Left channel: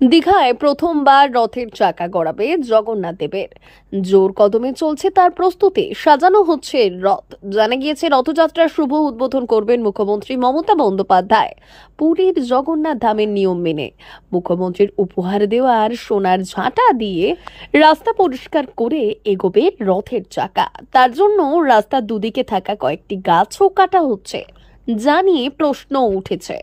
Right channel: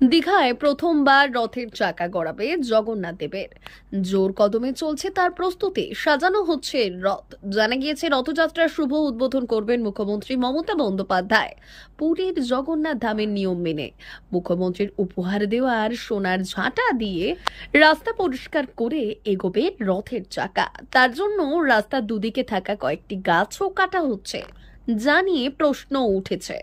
দীঘায় প্রথমবার রথের চাকা গড়াবে জগন্নাথ দেবের। জোর কদমে চলছে তার প্রস্তুতি, সাজানো হচ্ছে রথ। জানা গিয়েছে রথযাত্রার শুভ উদ্বোধন করবেন মুখ্যমন্ত্রী মমতা বন্দ্যোপাধ্যায় পুরীর জগন্নাথ ধামের নিয়ম মেনে। মুখ্যমন্ত্রীর উপহার দেওয়ার সোনার ঝাঁটা দিয়ে রাস্তা পরিষ্কার করে এগোবে রথের চাকা। তার জন্য রাস্তার দুদিকে থাকা কয়েকটি গাছও কাটা হচ্ছে, যা নিয়ে প্রশ্ন উঠেছে।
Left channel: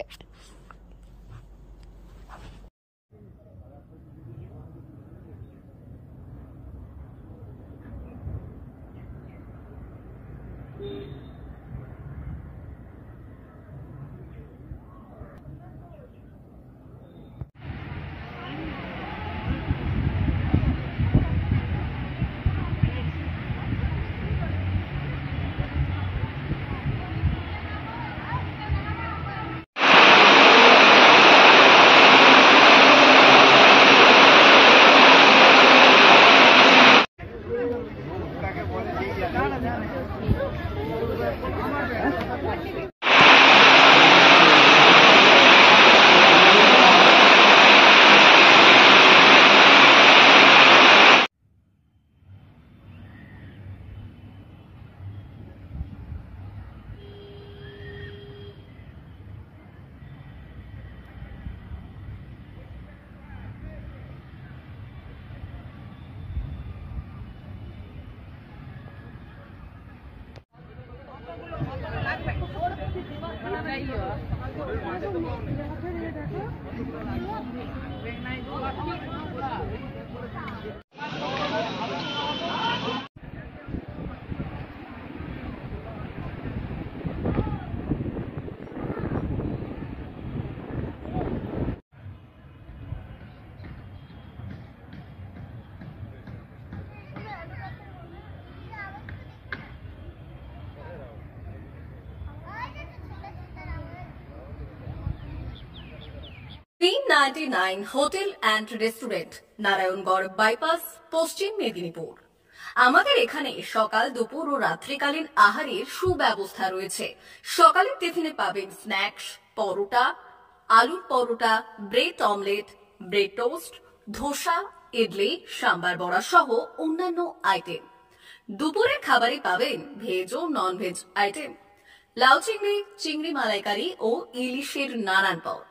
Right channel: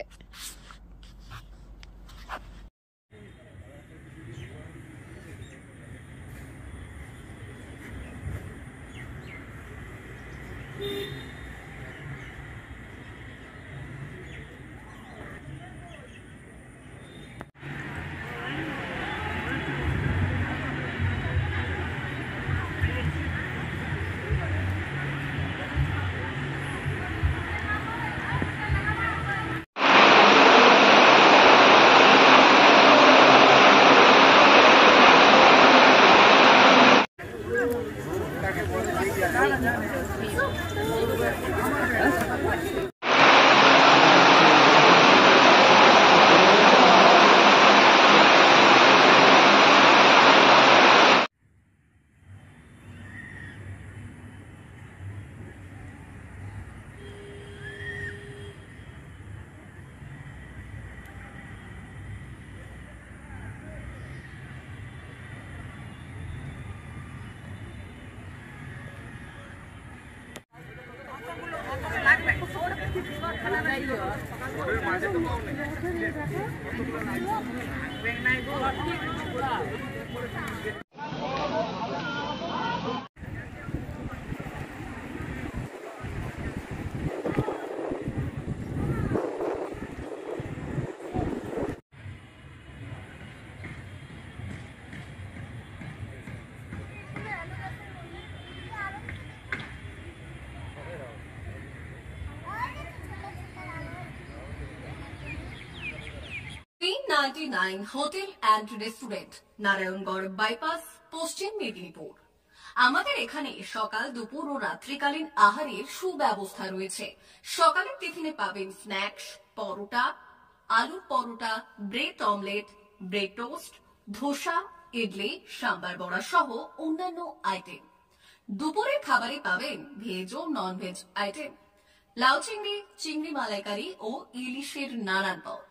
P99 hotel and restaurant, Narayangarh bypass, পশ্চিম মেদিনীপুর। আমাদের এখানে সকাল, দুপুর ও রাত্রিকালীন আহারের সুব্যবস্থা রয়েছে। সকালের টিফিনে পাবেন স্ন্যাক্স, পরোটা, আলুর paratha, bread omelette, bread toast, dosa, idli, sambar vada সহ অন্যান্য আইটেম। দুপুরের খাবারে পাবেন ভেজ ও নন ভেজ আইটেম, লাউ চিংড়ি, চিংড়ি মালাইকারি ও ইলিশের নানান পদ,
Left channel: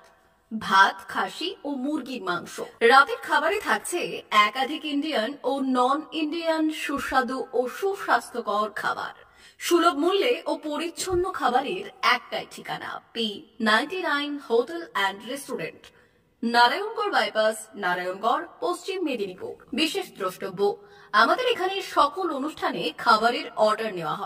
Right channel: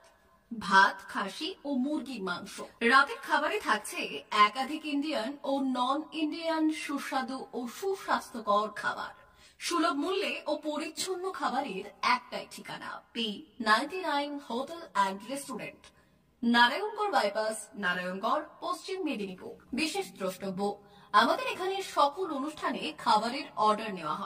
ভাত, খাসি ও মুরগির মাংস। রাতের খাবারে থাকছে একাধিক ইন্ডিয়ান ও নন ইন্ডিয়ান সুস্বাদু ও সুস্বাস্থ্যকর খাবার। সুলভ মূল্যে ও পরিচ্ছন্ন খাবারের একটাই ঠিকানা, P99 hotel and restaurant, Narayangarh bypass, Narayangarh, পশ্চিম মেদিনীপুর। বিশেষ দ্রষ্টব্য, আমাদের এখানে সকল অনুষ্ঠানে খাবারের অর্ডার নেওয়া হয়।